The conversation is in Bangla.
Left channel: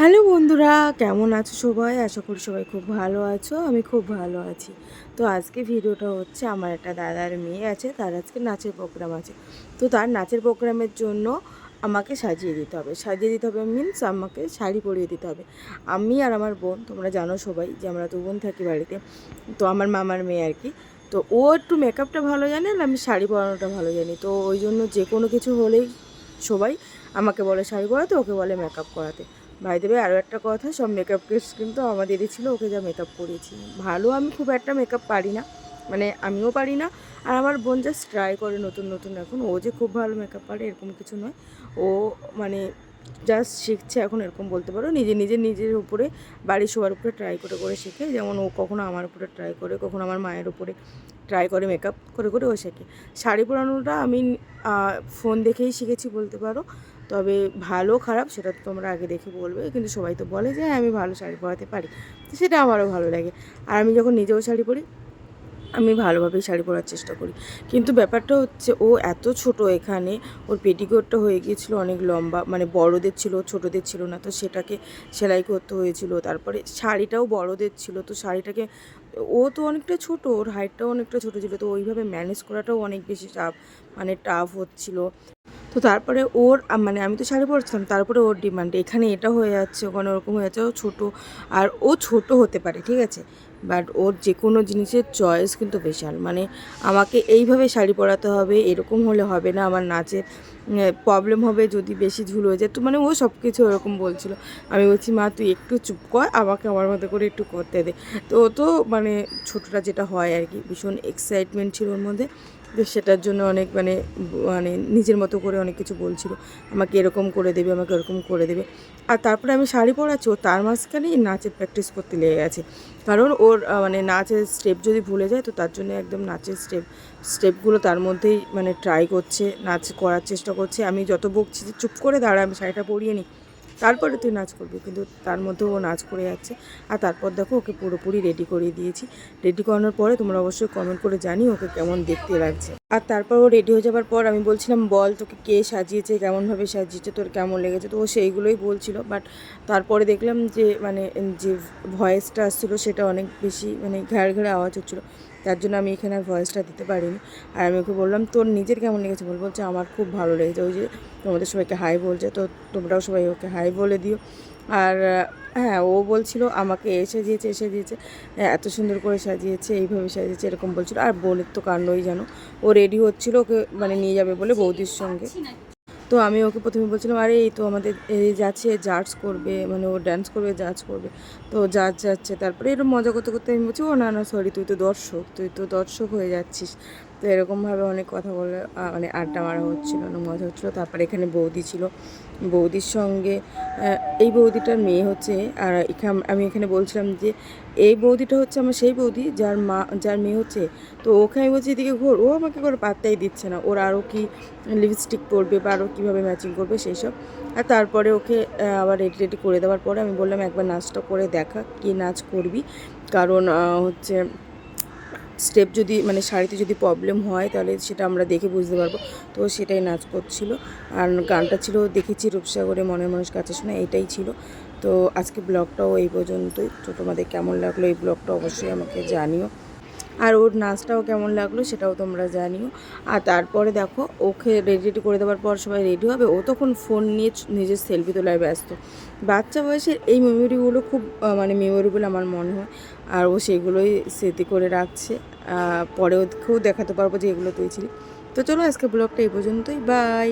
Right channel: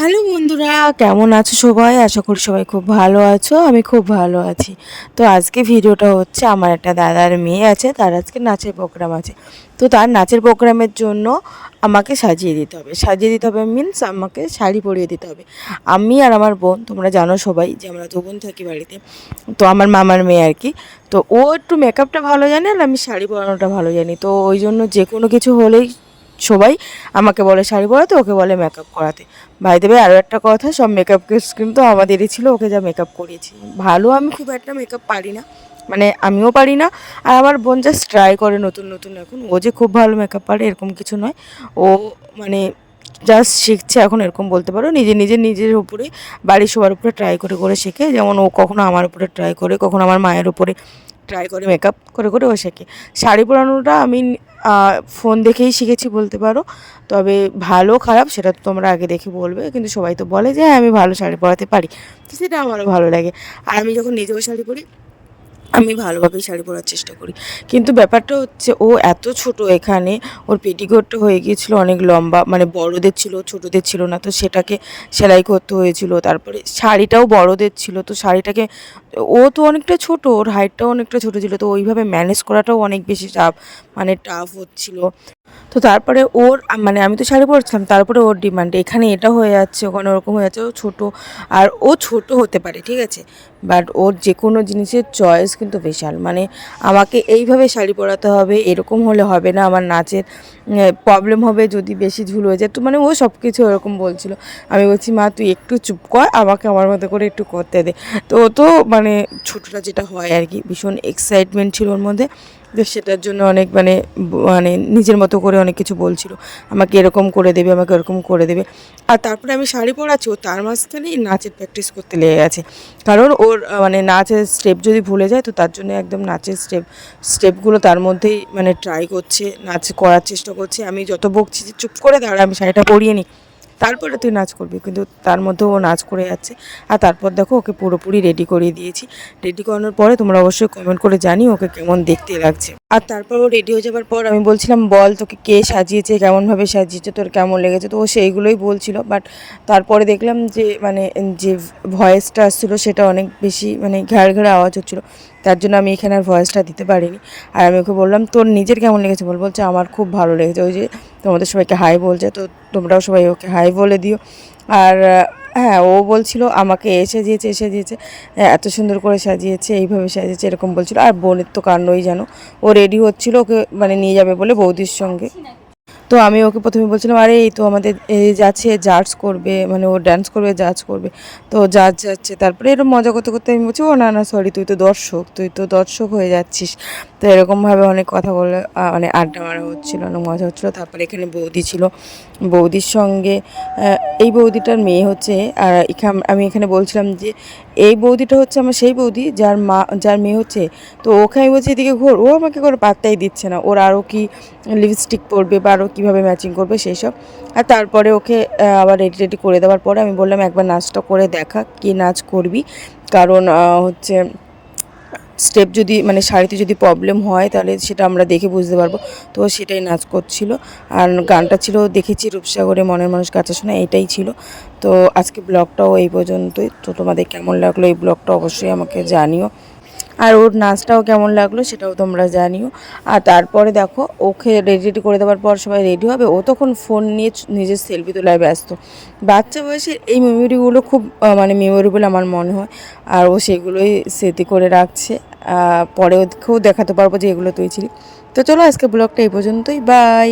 হ্যালো বন্ধুরা, কেমন আছো সবাই? আশা করি সবাই খুব ভালো আছো। আমি খুব ভালো আছি। তো আজকে ভিডিওটা হচ্ছে, আমার একটা দাদার মেয়ে আছে, তার আজকে নাচের প্রোগ্রাম আছে। তো তার নাচের প্রোগ্রামের জন্য আমাকে সাজিয়ে দিতে হবে। সাজিয়ে দিতে হবে মিনস আমাকে শাড়ি পরিয়ে দিতে হবে। আমি আর আমার বোন, তোমরা জানো সবাই যে আমরা দু বোন থাকি বাড়িতে। তো আমার মামার মেয়ে আর কি। তো ও একটু মেকআপটা ভালো জানে আর আমি শাড়ি পরানোটা ভালো জানি। তো ওই জন্য যে কোনো কিছু হলেই সবাই আমাকে বলে শাড়ি পরাতে, ওকে বলে মেকআপ করাতে। বাই দ্য ওয়ে, আরও একটা কথা, সব মেকআপ কিটস কিন্তু আমাদেরই ছিল, ওকে যা মেকআপ করিয়েছি। ভালো আমি খুব একটা মেকআপ পারি না, মানে আমিও পারি না। আর আমার বোন জাস্ট ট্রাই করে নতুন নতুন। এখন ও যে খুব ভালো মেকআপ পারে এরকম কিছু নয়। ও মানে জাস্ট শিখছে এখন, এরকম বলতে পারো। নিজের উপরে, বাড়ির সবার উপরে ট্রাই করে করে শেখে। যেমন ও কখনো আমার উপরে ট্রাই করে, কখনো আমার মায়ের উপরে ট্রাই করে, মেকআপ করে করে ও শেখে। শাড়ি পরানোটা আমি ফোন দেখেই শিখেছি বলতে পারো। তবে ভালো খারাপ সেটা তো তোমরা আগে দেখে বলবে, কিন্তু সবাই তো বলে যে হ্যাঁ আমি ভালো শাড়ি পরাতে পারি, তো সেটা আমারও ভালো লাগে। আর আমি যখন নিজেও শাড়ি পরি, আমি ভালোভাবেই শাড়ি পরার চেষ্টা করি। কিন্তু ব্যাপারটা হচ্ছে, ও এত ছোট, এখানে ওর পেটিকোটটা হয়ে গিয়েছিলো অনেক লম্বা, মানে বড়দের ছিল, ছোটদের ছিল না, তো সেটাকে সেলাই করতে হয়েছিল। তারপরে শাড়িটাও বড়দের ছিল, তো শাড়িটাকে, ও তো অনেকটা ছোট, ওর হাইটটাও অনেকটা ছোট ছিল, তো ওইভাবে ম্যানেজ করাটাও অনেক বেশি টাফ, মানে টাফ হচ্ছিলো। তো তারপরে ওর মানে আমি তো শাড়ি পরছিলাম, তারপরে ওর ডিমান্ড এখানে এটা হয়ে যাচ্ছে, ওখানে ওরকম হয়ে যাচ্ছে। ও ছোটো, আর ও ছোট হতে পারে ঠিক আছে, বাট ওর যে কোনো জিনিসের চয়েস কিন্তু বিশাল। মানে আমাকে এইভাবে শাড়ি পরাতে হবে, এরকম হলে হবে না, আমার নাচের প্রবলেম হবে যদি বেশি ঝুল হয়ে যায়। তো মানে ও সব কিছু এরকম বলছিল। আমি বলছি মা তুই একটু চুপ কর, আমাকে আমার মতো করে একটু করতে দে। তো ও তো মানে ছোটোটা যেটা হয় আর কি, ভীষণ এক্সাইটমেন্ট ছিল ওর মধ্যে। তো সেটার জন্য অনেক মানে মানে নিজের মতো করে অনেক কিছু বলছিল, আমাকে এরকম করে দেবে, আমাকে এরকম করে দেবে। আর তারপরে আমি শাড়ি পরাচ্ছি, ও তার মাঝখানেই নাচের প্র্যাকটিস করতে লেগে গেছে। কারণ ওর মানে নাচের স্টেপ যদি ভুলে যায়, তো তার জন্য একদম নাচের স্টেপগুলো তার মধ্যেই মানে ট্রাই করছে, নাচ করার চেষ্টা করছে। আমি যত বকছি যে চুপ করে দাঁড়া, আমি শাড়িটা পরিয়ে নিই, তারপরে তুই নাচ করবি, কিন্তু তার মধ্যেও ও নাচ করে যাচ্ছে। আর তারপর দেখো ওকে পুরোপুরি রেডি করিয়ে দিয়েছি। রেডি করানোর পরে তোমরা অবশ্যই কমেন্ট করে জানিও ওকে কেমন দেখতে লাগছে। আর তারপর ও রেডি হয়ে যাবার পর আমি বলছিলাম বল তোকে কে সাজিয়েছে, কেমনভাবে সাজিয়েছে, তোর কেমন লেগেছে। তো ও সেইগুলোই বলছিল, বাট তারপরে দেখলাম যে মানে যে ভয়েসটা আসছিলো সেটা অনেক বেশি মানে ঘ্যাড় ঘ্যাড় আওয়াজ হচ্ছিলো, তার জন্য আমি এখানে আর ভয়েসটা দিতে পারিনি। আর আমি ওকে বললাম তোর নিজের কেমন লেগেছে বলছে আমার খুব ভালো লেগেছে। ওই যে তোমাদের সবাইকে হাই বলছে, তো তোমরাও সবাই ওকে হাই বলে দিও। আর হ্যাঁ, ও বলছিল আমাকে এসে দিয়েছে, এত সুন্দর করে সাজিয়েছে, এইভাবে সাজিয়েছে, এরকম বলছিল। আর বোনের তো কাণ্ডই জানো, ও রেডি হচ্ছিল ওকে মানে নিয়ে যাবে বলে বৌদির সঙ্গে। তো আমি ওকে প্রথমে বলছিলাম আরে এই তো আমাদের এই যাচ্ছে জাজ করবে, মানে ও ডান্স করবে, জাজ করবে। তো জাজ যাচ্ছে, তারপরে এরকম মজা করতে করতে আমি বলছি ও না না সরি, তুই তো দর্শক হয়ে যাচ্ছিস। তো এরকমভাবে অনেক কথা বলে মানে আড্ডা মারা হচ্ছিলো, অনেক মজা হচ্ছিলো। তারপরে এখানে বৌদি ছিল, বৌদির সঙ্গে এই বৌদিটার মেয়ে হচ্ছে। আর আমি এখানে বলছিলাম যে এই বৌদিটা হচ্ছে আমার সেই বৌদি যার মেয়ে হচ্ছে। তো ওকে আমি বলছি এদিকে ঘোর, ও আমাকে কোনো পাত্তাই দিচ্ছে না, ওর আরও কি লিপস্টিক পরবে বা আরও কীভাবে ম্যাচিং করবে সেই সব। আর তারপরে ওকে আবার রেডি করে দেওয়ার পরে আমি বললাম একবার নাচটা করে দেখা, কী নাচ করবি। কারণ হচ্ছে স্টেপ যদি মানে শাড়িতে যদি প্রবলেম হয় তাহলে সেটা আমরা দেখে বুঝতে পারবো। তো সেটাই নাচ করছিল। আর গানটা ছিল দেখেছি রূপসাগরে মনের মানুষ কাছে শোনা, এটাই ছিল। তো আজকে ব্লগটাও এই পর্যন্তই। তো তোমাদের কেমন লাগলো এই ব্লগটা অবশ্যই আমাকে জানিও, আর ওর নাচটাও কেমন লাগলো সেটাও তোমরা জানিও। আর তারপরে দেখো ওকে রেডি করে দেওয়ার পর সবাই রেডি হবে, ও তখন ফোন নিয়ে নিজের সেলফি তোলায় ব্যস্ত। বাচ্চা বয়সের এই মেমোরিগুলো খুব মানে মেমোরেবল আমার মনে হয়, আর ও সেগুলোই স্মৃতি করে রাখছে। পরে ওকেও দেখাতে পারবো যে এগুলো তুই ছিলি। তো চলো আজকে ব্লগটা এই পর্যন্তই, বাই।